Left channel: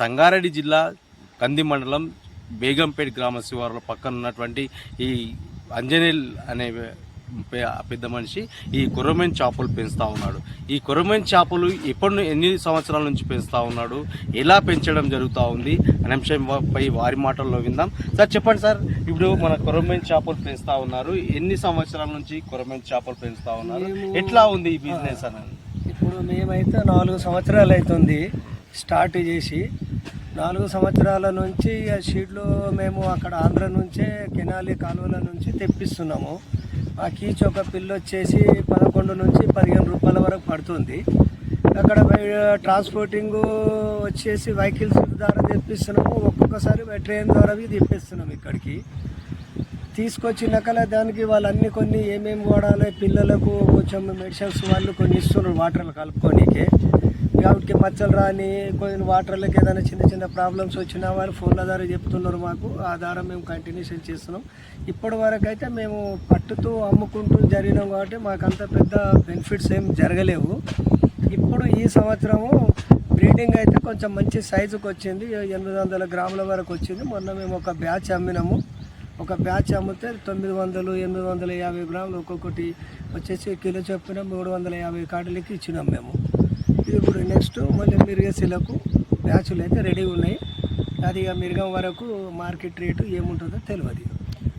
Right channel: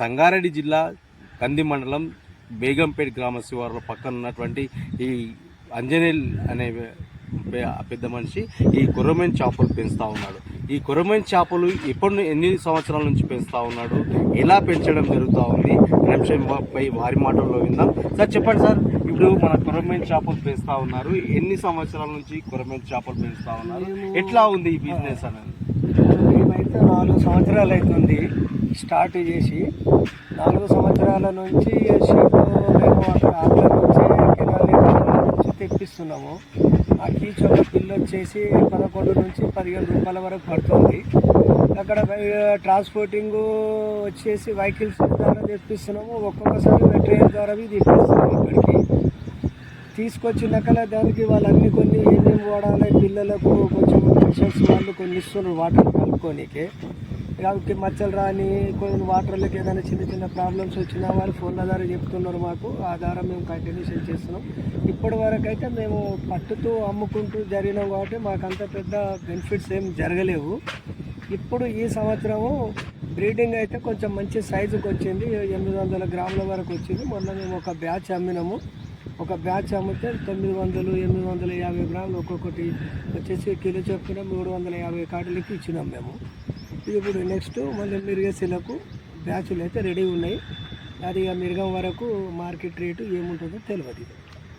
సంగారెడ్డి జిల్లా కంది మండలం బేగంపేట గ్రామ శివారులో పక్కన ఉన్నటువంటి ఈ అంజనేల్ అనే పెద్ద మనిషి ఈ కొర్రమీను చేపలు పెంచుతూ ఉన్నాడు. ఈ కొర్రమీను చేపలు ఎన్ని సంవత్సరాల నుంచి పెంచుతూ ఉన్నాడు, ఎలా పెంచడం జరుగుతూ ఉంది అనే అంశంపై వారి మాటల్లో విందాం. సార్ చెప్పండి సార్, ఇప్పుడు మన కొర్రమీను చేపలు పెంచుతూ ఉన్నారు, ఎన్ని సంవత్సరాల నుంచి కొర్రమీను చేపలు పెంచుతూ ఉన్నారు, ఎట్లా ఉంది ఈ బిజినెస్ అనేది? మేమైతే 4 సంవత్సరాలు అవుతుంది స్టార్ట్ చేసి. 4 సంవత్సరాల నుంచి షీట్లు మేము అక్కడ ఆంధ్ర నుంచి కెనాలి కాలువ నుంచి తెప్పిస్తున్నాము. ఆ కీచ్ ఒక పిల్లు వచ్చేసి 11 నుంచి 15 రూపాయల వరకు పడుతుంది. అక్కడ ట్రాన్స్పోర్టింగ్ వచ్చేసి వెహికల్స్ ద్వారా తెప్పిస్తున్నాము. ఒక్కొక్కసారి ట్రైన్ ద్వారా తెప్పిస్తున్నాము. ఇక్కడికి తీసుకొచ్చినాక దానికి వాళ్ళన్నీ కొన్ని ఏమేమి వాడాలి, పిల్లలకు కొంచెం మెడిసిన్స్ వాళ్ళు కొన్ని ఇస్తున్నారు వాటర్లు కలుపుకోనికే. కాబట్టి మచ్చలు రాని కొన్ని వాటర్లకు ఏదైనా చిన్న చిన్న ప్రాబ్లమ్స్ వచ్చినా వారు ఫోన్ల ద్వారా చెప్తున్నారు మాకు. ఆ ద్వారా మేము కంటిన్యూషన్ చేస్తున్నాం. ఇప్పటి వరకు అయితే మేము పట్టుతూ అమ్ముకుంటూ జరిగినాం కాబట్టి మాకు అంత పెద్ద బెనిఫిట్స్ ఏం జరగలేవు. ఇప్పుడు ఈ సంవత్సరము బ్రీడింగ్ అయితే కొంచెం మంచి సైజుకి వచ్చింది, 800 గ్రాముల వరకు వచ్చింది. మొన్న మేము ఒక బ్యాచ్ అమ్మినాము. ఒక బ్యాచ్ అమ్మితే 900, 850 గ్రాములు ఒక్కొక్కటి వచ్చేసి కిలో చొప్పున 350 కాటలకి ఇచ్చినాం మేము. ఇది ఇప్పుడు నెక్స్ట్ మళ్ళీ మిరిగేసీలకు బ్యాచులు అయితే రెడీ ఉన్నాయి. అది ఇక మిరగం వరకు మార్కెట్ రేటు ఏముంటుందో తెలియదు.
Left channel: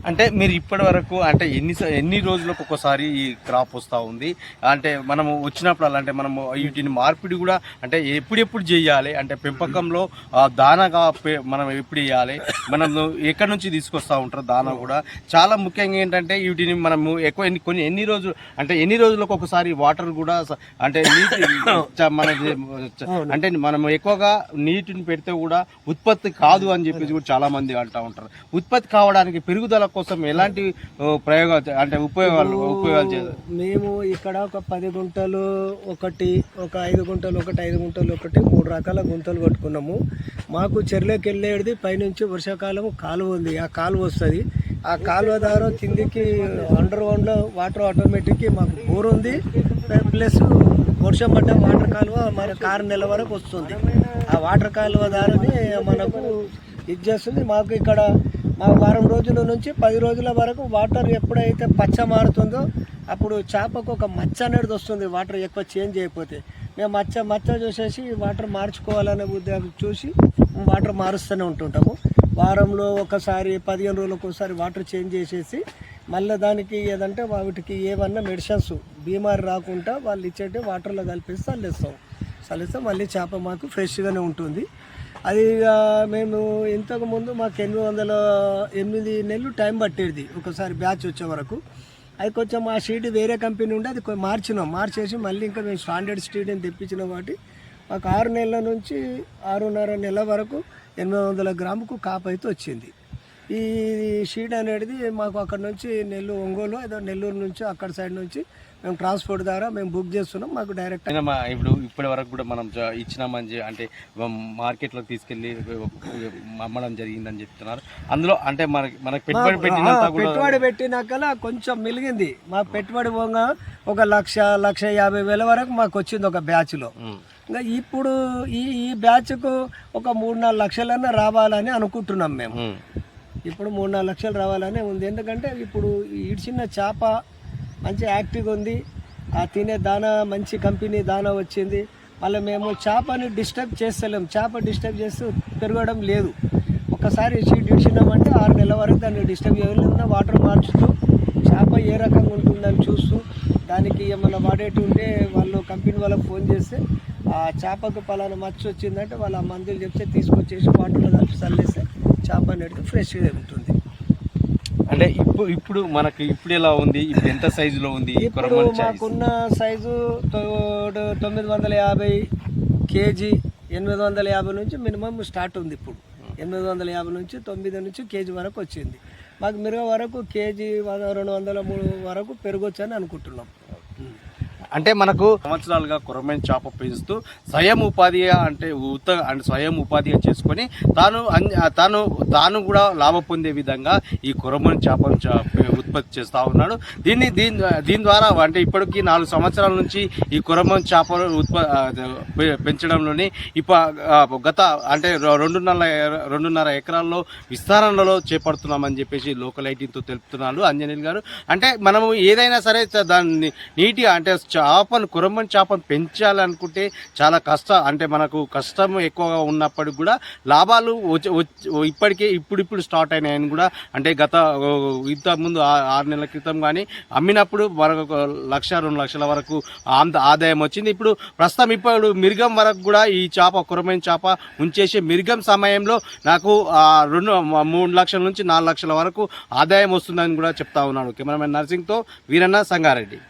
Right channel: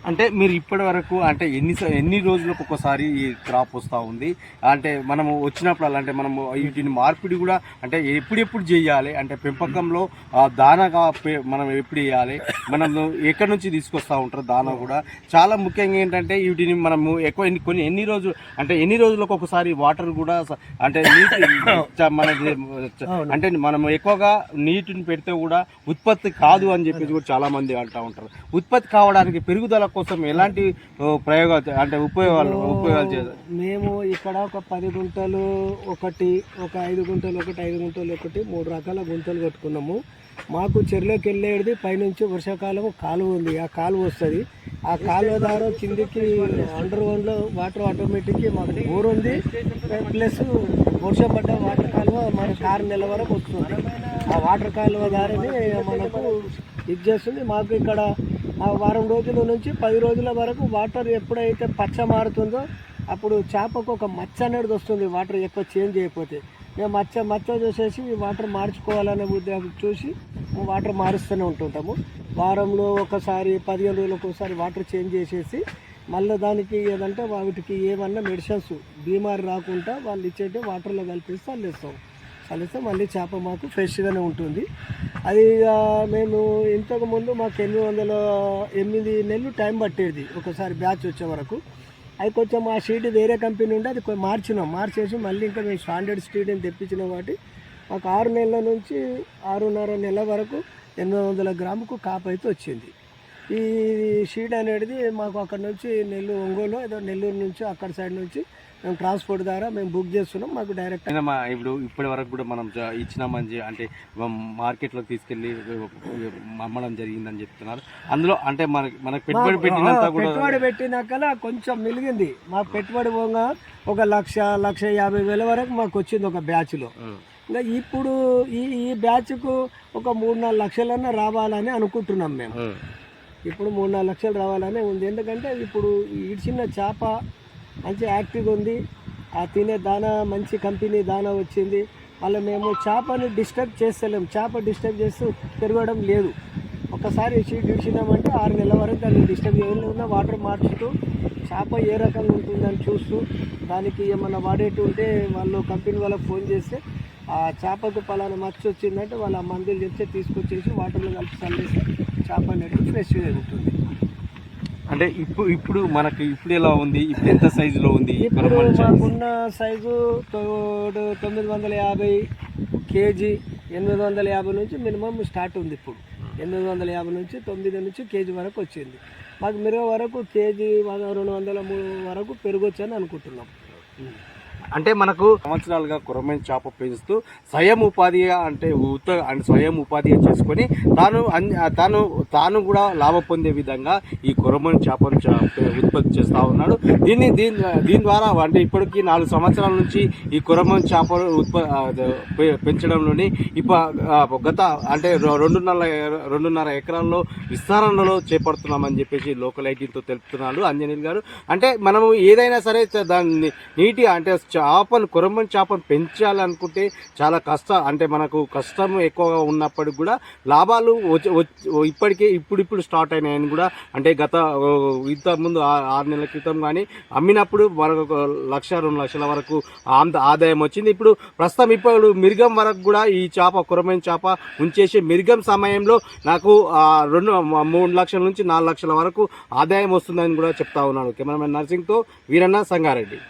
అంటే మీరు ఇప్పటి వరకు అంటే ఎన్ని రోజులకు ఒకసారి ఈ క్రాప్ వస్తూ ఉంది? అంటే మనము వచ్చినప్పుడు అంటే మనము వీటిని మార్పిడి కూడా అంటే ఎప్పుడు చేయాలి? అంటే పెంపకంలో దానాగా మనం ఎప్పుడు వేయాలి? మనం ఎక్కడి నుంచి తీసుకొస్తూ ఉంటారు దానా కూడా? చాలా ముఖ్యంగా ఏంటంటే వీటిని మనము ఎక్కువ ఎన్ని రోజులకు ఒకసారి వాటర్ కూడా అంటే నీటి మనకి అంటే మనం ఎక్కువగా నీటిని పెడితే కూడా ఉత్పత్తి కాదు అని చెప్పేసి కూడా చాలా మంది అంటూ ఉంటారు. ఉత్పత్తి కావడానికి పెరుగుదల కోసం ఎలాంటి ప్రయోగాలు అంటే ఉపయోగాలు చేయాలి? మేము ఇక్కడ ఒక 10 గుంటలు ఒకటి, ఒక 5 గుంటలు ఒకటి, 5 గుంటలు ఒకటి, 3 రకాల గుంతలు కట్టుకున్నాము. మాకు చెరువులోకి వెళ్ళేది పైనుంచి వర్షాకాలం కాలువ ఉంది. ఆ కాలువ వస్తుంది. ఆ కాలువ ద్వారా కిందికి అండర్ గ్రౌండ్లో వాటర్ ఆటోమేటిక్ మాకు బోర్ ఉంది. ప్లస్ వర్షం పడ్డ వాటర్ కాలువ మనకు 6 నెలల వరకు వస్తుంది. ఆ వాటర్ కాలువ ద్వారానే మనకు ఇది చేస్తుంది. మాకు ఇక్కడ మాకు 4 రోజుల నుంచి 10 రోజుల వరకు వాటర్ ఎప్పుడైతే పచ్చ మారుతుందో అప్పుడు చేపకు ఒక మచ్చ అనేది వస్తుంది. వాటర్ ఎక్కువ చేంజ్ అయిపోతే మేము మచ్చ చూసేసి వాటర్ మార్చుకోవాలనే ఉద్దేశం చూసి వాటర్ మారుస్తూనే ఉంటుంటాము. వారంలో ఒకసారి 15 రోజులకు ఒకసారి వాటర్ చేంజ్ చేసేసి మళ్ళీ దానికి ఏదంటే వాటికి ఏమన్నా మెడిసిన్స్ బీమారి రాకుండా వాళ్ళు ఇచ్చేటే వాటర్లో కలిపేసి చల్లిస్తే మళ్ళీ చేప మాకు ఫ్రెష్గానే ఉంటుంది. అది మేము ఇంతకుముందు మాకు 8 నెలలు టైం పట్టేది ఒకసారి బ్యాచ్ వచ్చే వరకు. అది కొంచెం ఆ షీట్ వేరే కంపెనీ ఉండి అది మార్చేసి మళ్ళీ ఇంకా మేము స్టాండర్డ్ స్టీడ్ని తెప్పించినాం. కాబట్టి మాకు 6 నెలల నుంచి 6.5 నెలల వరకు 800 గ్రాముకు కాపు అయితే వచ్చింది. ఈ షీట్ అనేది మాకు అక్కడ నుంచి ఒంగోలు ఏదో నెల్లూరు నుంచి అక్కడ సైడ్ నుంచి మేము ట్రాన్స్పోర్ట్ ద్వారా మేము బుక్ చేస్తున్నాం. మాకు డైరెక్ట్ ఇప్పుడు ఇప్పటి వరకు కూడా మనం ఇచ్చినామని అంటే మార్కెట్లోకి తీసుకెళ్ళి అమ్మడం జరిగిందని చెప్తున్నారు. అందులో అంటే మనకు పెట్టుబడి పెట్టినాక కొంచెం మిలిగింది. మా పెట్టుబడి పోగా 1,50,000 వరకు మాకు వచ్చింది ఒక బ్యాచ్లో. ఇంకా ఇప్పుడు ఈ బ్యాచ్కు ఒక 3-4 లక్షలన్నా రావాలని అనుకుంటున్నాం మేము. ఇప్పుడు 3-4 లక్షలు రావాలని ఉంది. ఎందుకంటే ఇప్పుడు ఇడిచిన చేప మంచి యాక్టివ్గా ఉంది. ఆ తినే దానా మంచి కంపెనీ దానా వచ్చింది. మళ్ళీ మేము చేపని డిస్టర్బ్ చేస్తలేము. చేప డిస్టర్బ్ చేస్తూ పెరగడం లేదు. ఒకసారి షీట్ ఇడిచినామంటే 6 నెలల వరకు దాన్ని డిస్టర్బ్ చేయకుండా వాటర్ మార్చుతూ చేప ఏ రకంగా ఉంటుందని చూస్తూ దానికి ఏమన్నా వాడేటి ఉంటే వాళ్ళు కంపెనీ వాళ్ళకి ఫోన్ చేస్తే ఆ చేపకు పలానా మచ్చ వచ్చిందంటే వాళ్ళ మందులు చెప్తే తీసుకొచ్చేసి వాటర్లో కలిపి చల్లేస్తే చేప అనేది ఫ్రెష్గా ఉంటుంది. అంటే ఇప్పుడు మనకి ఇప్పుడు ఎలా ఉంది? ఇప్పుడు ఎంత సైజులో ఉంది? ఇప్పుడు మాకున్న సైజు 950 కేజీ, 850 నుంచి మినిమం స్టార్ట్ ఉంది. ఇప్పుడు 850 నుంచి 9 నుంచి కేజీ వరకు వచ్చింది. మాకు మిరగ వరకు కేజీ 200, 300 వరకు పెరగొచ్చు అని అనుకుంటున్నాం. అంటే మనకు సంవత్సరాలుగా కొరమైన చేప పెంచుతూ స్వయం ఉపాధిగా అంటే స్వయం ఉపాధిగా చేసుకొని తాను కూడా లాభం పొందే విధంగా ఈ కొరమైన చేపను ఉత్పత్తి చేస్తూ ఉన్నాడు. దీని ద్వారా అంటే ఇప్పటికీ 4 సంవత్సరాల నుంచి ఈ కొరమైన చేపలు పెంచడంలోని గత అంటే 2.5 ఎకరాల్లో విస్తరణలో చేపడుతున్నామని చెప్పేసి లోకల్ ఐటీతో తెలుపుతున్నాడు అంజనీల్ గారు. అంటే మనము ఏదైనా సరే దాన్ని నీట్గా అంటే కొరమైన చేపను పెంచాలనుకుంటే చాలా అంటే మనకు కష్టం ఎక్కువగా ఉన్నప్పటికి కూడా లాభాలు ఇప్పుడు స్టార్ట్ అయినాయని కూడా అంటే ఇంత ముందు 6 నెలల క్రితం కానీ అమ్మినప్పుడు మనకు 1-2 లక్షల వరకు ఆదాయం వచ్చింది. ఇప్పుడు మిరుగం వరకు కూడా ఈ కొరమైన చేప ఉంచేసి మిరుగం సమయంలో నాకు 3 లక్షల నుంచి 4 లక్షల వరకు ఆదాయం వస్తుందని కూడా చెప్తా ఉన్నాడు. కెమెరామెన్ నర్సింగ్తో వీరన్న సంగారెడ్డి.